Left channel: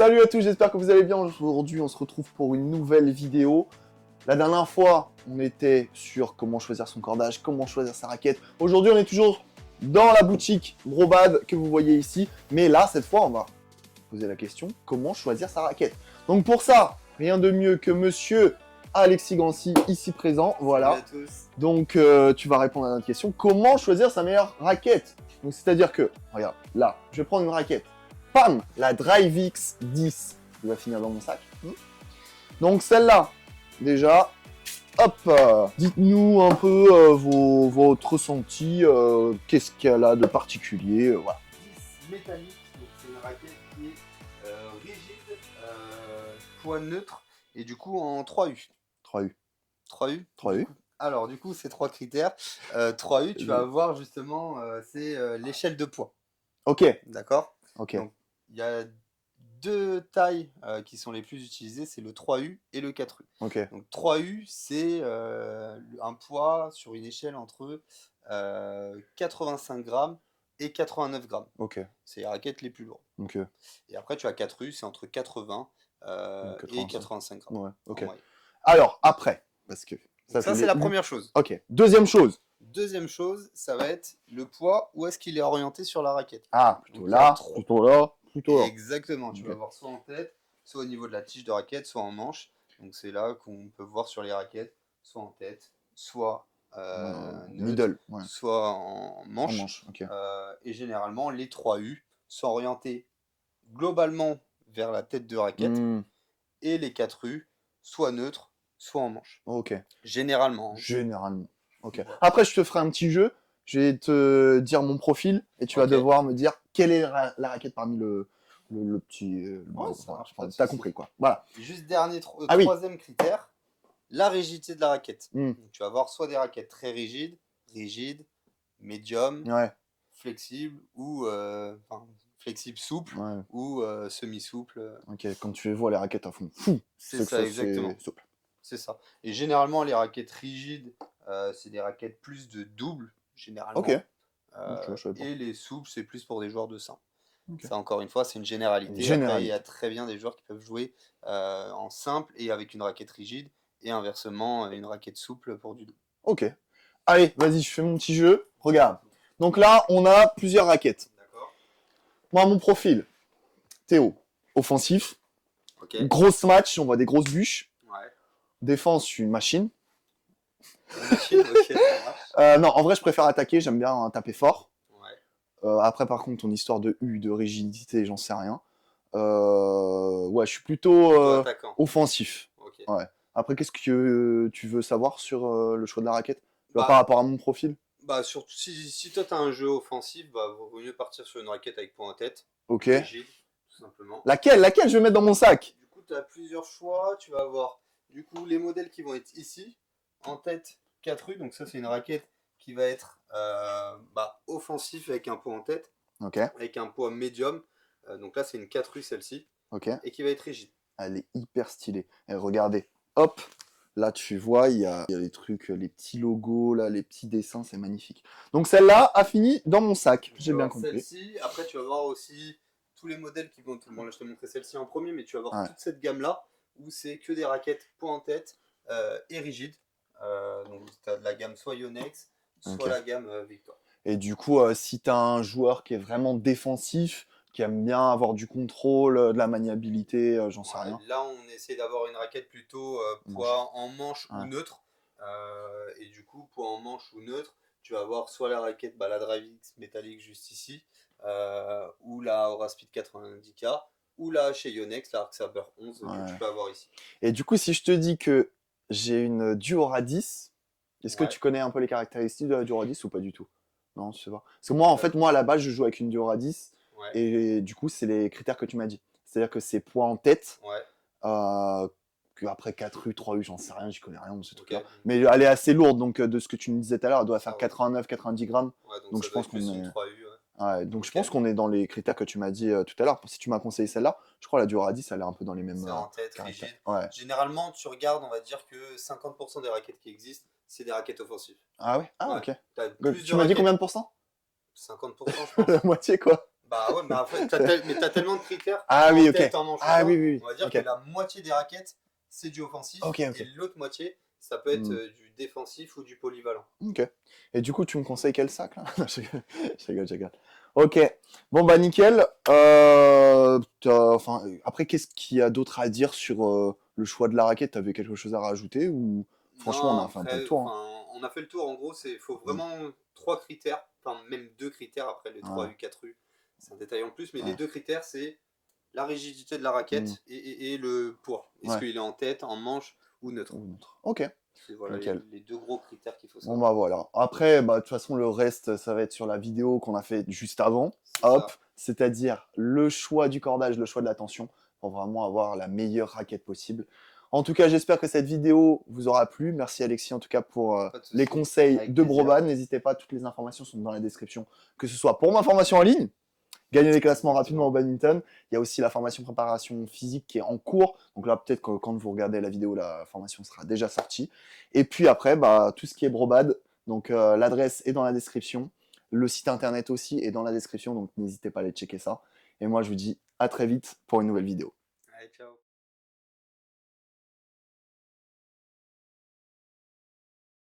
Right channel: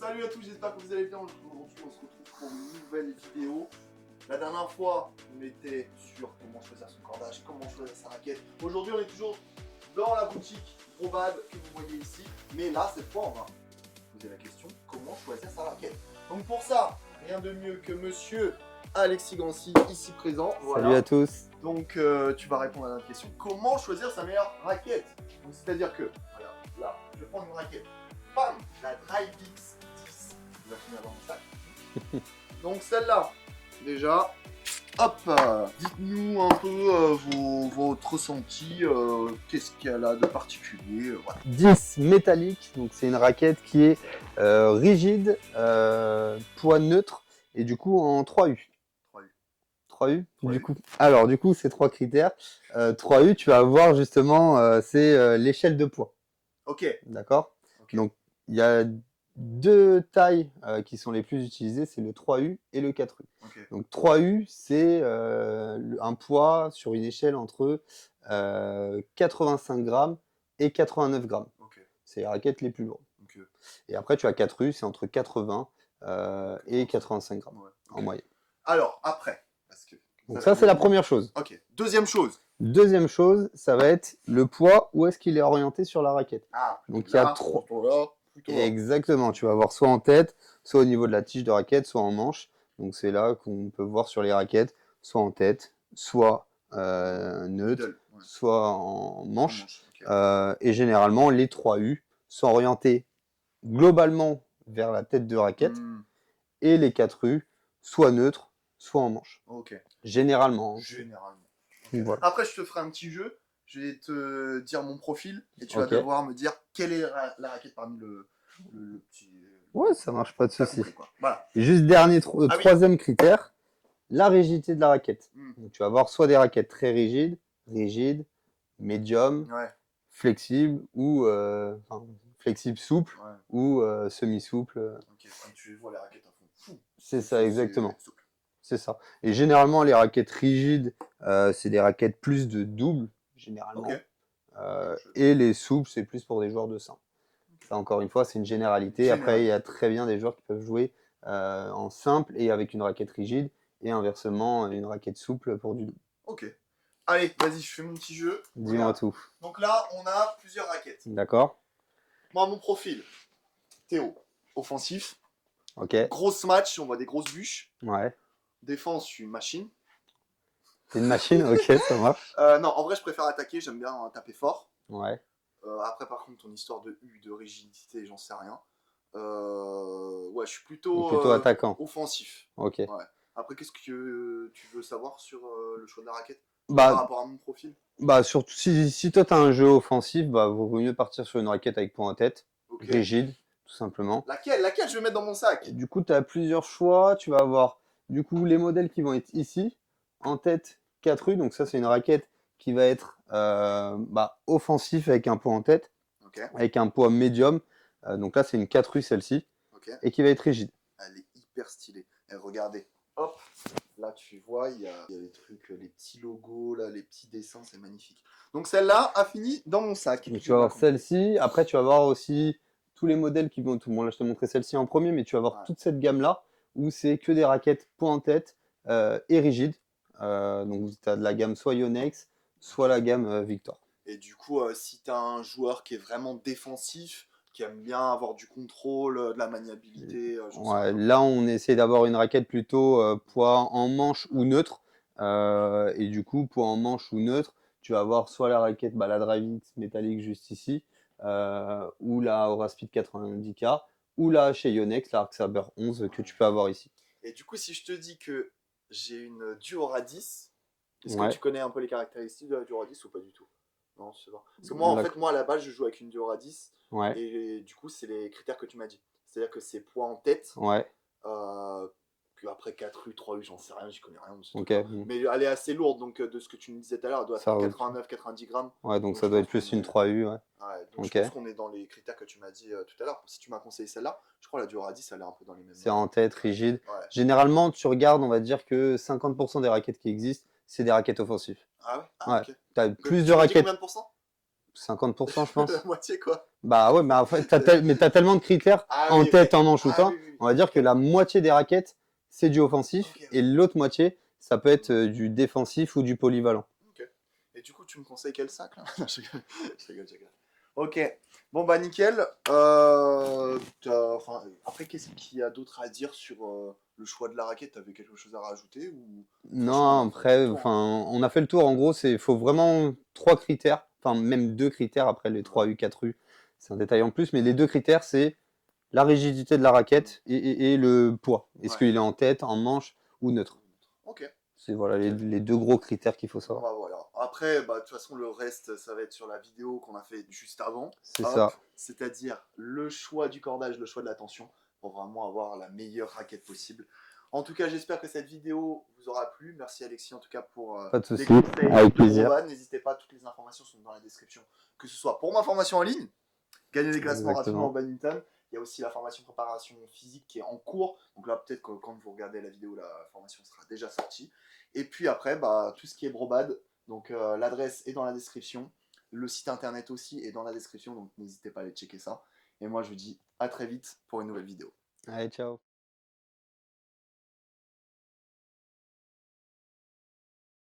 Salut à tous, j'espère que vous allez bien. Aujourd'hui, on se retrouve pour une nouvelle vidéo. La dernière fois, on était sur comment choisir son cordage, comment choisir sa raquette. Aujourd'hui, on est toujours dans la boutique Brobad que vous voyez ici. Mais là, cette fois, on va poser la question, comment choisir sa raquette. Donc pour ça, rien de mieux que monsieur Alexis Gancy, ici présent. Voilà. Salut à tous. Donc, tu vas répondre à notre question. Comment choisir sa meilleure raquette? Donc, c'est-à-dire que, regarde, là, je vais prendre une raquette. Pam, la DriveX 10. Il va finir dans mon sac. Donc, celle-là, déjà, hop, dites-nous un peu votre ressenti. Qu'est-ce qu'elle a de particulier, voilà. 10 métallique, donc c'est une raquette qui est rigide, poids neutre et du coup en 3U. 3U. 3U, 3U. Du coup. Alors du coup, ces trois critères. 3U, tu vas voir justement, c'est l'échelle de poids. Ok. D'accord. Ok. Donc il y a deux tailles qui sont les plus utilisées, c'est le 3U et le 4U. Ok. Donc 3U, c'est un poids sur une échelle entre 85 grammes et 89 grammes. Ok. C'est les raquettes les plus lourdes. Ok. Et après, tu as 4U, c'est entre 80 et 85 grammes Ouais. Ok. en moyenne. Alors, après, parce que Donc ça, c'est la première chose. Ok. Deuxième chose. Deuxième chose, ça va être le poids, où est-ce qu'il est orienté sur la raquette. Ah, plutôt Donc il y a là, trois. plutôt là, plutôt là. Exactement, tu vas avoir soit en tête, soit au niveau de la tige de raquette, soit en manche. Donc c'est là qu'on peut voir sur les raquettes, soit en tête, soit neutre, Middle, ouais. soit en manche. En manche, ok. Et généralement, les 3U sont orientés globalement vers la tête de raquette et les 4U soit neutres, soit en manche. Ok. Généralement. Généralement. Ok. Voilà. Après, je te ferai un petit jeu. Je vais te dire mon profil et tu vas Ok. devoir me dire quelle est la raquette parmi le petit. Ouais, ça marche, pas de T'as souci. compris, quoi. Voilà. Et juste dernier, Ah oui. troisième critère, la rigidité de la raquette. Mm. Donc, tu vas avoir soit des raquettes très rigides, médium, Ouais. flexible ou flexible souple Ouais. ou semi-souple. Ok. Quand tu vois les raquettes à fond, fou. C'est ça, exactement. Souple. C'est ça. Et généralement, les raquettes rigides, c'est des raquettes plus de double, généralement. Ok. Et les souples, c'est plus pour des joueurs de simple. Ok. Ça, encore une fois, c'est une généralité. Généralité. Après, il y a très bien des joueurs qui peuvent jouer en simple et avec une raquette rigide, et inversement, une raquette souple pour du double. Ok. Allez, vas-y, je fais mon petit jeu. Dis-moi Regarde. tout. Donc là, on a plusieurs raquettes. D'accord. Moi, mon profil. Théo. Offensif. Ok. Grosse match, on voit des grosses bûches. Ouais. Défense, je suis une machine. C'est une machine. Ok, ça marche. Non, en vrai, je préfère attaquer, j'aime bien taper fort. Ouais. Après, par contre, ton histoire de U, de rigidité, j'en sais rien. Ouais, je suis plutôt attaquant. offensif. Ok. Ouais. Après, qu'est-ce que tu veux savoir sur le choix de la raquette Bah, par rapport à mon profil? Bah, surtout si toi, tu as un jeu offensif, bah, vaut mieux partir sur une raquette avec point en tête. Ok. Rigide, tout simplement. Laquelle je vais mettre dans mon sac? Du coup, tu as plusieurs choix. Tu vas avoir du coup les modèles qui vont être ici. En tête, 4U. Donc ça, c'est une raquette qui va être offensif avec un poids en tête, Ok. avec un poids médium. Donc là, c'est une 4U celle-ci. Ok. Et qui va être rigide. Elle est hyper stylée. Et regardez, hop, là tu vois, il y a les trucs, les petits logos, là, les petits dessins, c'est magnifique. Donc celle-là a fini dans mon sac. Tu J'ai vas bien avoir compris. celle-ci. Après, tu vas voir aussi tous les modèles qui vont. Tout le monde, là, je te montrais celle-ci en premier, mais tu vas voir Ouais. toute cette gamme-là où c'est que des raquettes point en tête et rigides. Donc, tu as de la gamme soit Yonex, soit Ok. la gamme Victor. Et du coup, si tu as un joueur qui est vraiment défensif, qui aime bien avoir du contrôle, de la maniabilité, j'en sais Ouais, rien. là, on essaie d'avoir une raquette plutôt poids en manche ou Ouais. neutre. Et du coup, poids en manche ou neutre, tu vas avoir soit la raquette, la DriveX métallique juste ici, ou la Aura Speed 90K, ou la chez Yonex, la Arc Saber 11 que tu Ouais. peux avoir ici. Et du coup, si je te dis que j'ai une Duora 10, est-ce que Ouais. tu connais un peu les caractéristiques de la Duora 10 ou pas du tout? Non, je sais pas. Parce que moi, en fait, D'accord. moi, à la base, je joue avec une Duora 10. Ouais. Et du coup, c'est les critères que tu m'as dit. C'est-à-dire que c'est poids en tête, Ouais. que après 4U, 3U, j'en sais rien, j'y connais rien de ce Ok. truc-là. Mais elle est assez lourde, donc de ce que tu me disais tout à l'heure, elle doit Ça faire roule. 89, 90 grammes. Ouais, donc Donc ça je doit pense être plus qu'on une est- 3U. Ouais. Ouais, donc je Ok. pense qu'on est dans les critères que tu m'as dit tout à l'heure. Si tu m'as conseillé celle-là, je crois la Duora 10, elle est un peu dans les mêmes C'est en tête, caractères. rigide. Ouais. Généralement, tu regardes, on va dire que 50% des raquettes qui existent, c'est des raquettes offensives. Ah ouais? Ah Ouais. ok. Tu as Tu plus de m'as dit raquettes. combien de pourcents? 50%, je pense. La moitié, quoi. Bah ouais, mais en fait, mais t'as tellement de critères Ah en oui, ok. tête, en manche ou Ah pas. oui, oui, oui. On va dire Ok. que la moitié des raquettes, c'est du offensif. Ok, ok. Et l'autre moitié, ça peut être Hmm. du défensif ou du polyvalent. Ok. Et du coup, tu me conseilles quel sac, là? Je rigole. Ok. Bon, bah, nickel. Enfin, après, qu'est-ce qu'il y a d'autre à dire sur le choix de la raquette? T'avais quelque chose à rajouter ou franchement, on Non, a fait un peu le après, tour, hein. enfin, on a fait le tour. En gros, c'est faut vraiment 3 critères, enfin même 2 critères. Après les Ouais. 3U, 4U, c'est un détail en plus. Mais les 2 critères, c'est la rigidité de la Hmm. raquette et le poids. Est-ce Ouais. qu'il est en tête, en manche ou neutre? Ok. C'est voilà Nickel. les 2 gros critères qu'il faut Bon, savoir. bah, voilà. Après, bah, de toute façon, le reste, ça va être sur la vidéo qu'on a fait juste avant. C'est Hop. ça. C'est-à-dire le choix du cordage, le choix de la tension, pour vraiment avoir la meilleure raquette possible. En tout cas, j'espère que cette vidéo vous aura plu. Merci Alexis, en tout cas, pour Pas de les souci. conseils Avec de plaisir. Broban. N'hésitez pas, toutes les informations sont dans la description, que ce soit pour ma formation en ligne, gagner des classements rapidement au Exactement. badminton. Il y a aussi la formation préparation physique qui est en cours. Donc là, peut-être que quand vous regardez la vidéo, la formation sera déjà sortie. Et puis après, bah, tout ce qui est Brobad. Donc l'adresse est dans la description. Le site internet aussi est dans la description. Donc n'hésitez pas à aller checker ça. Et moi, je vous dis à très vite pour une nouvelle vidéo. Allez, ciao.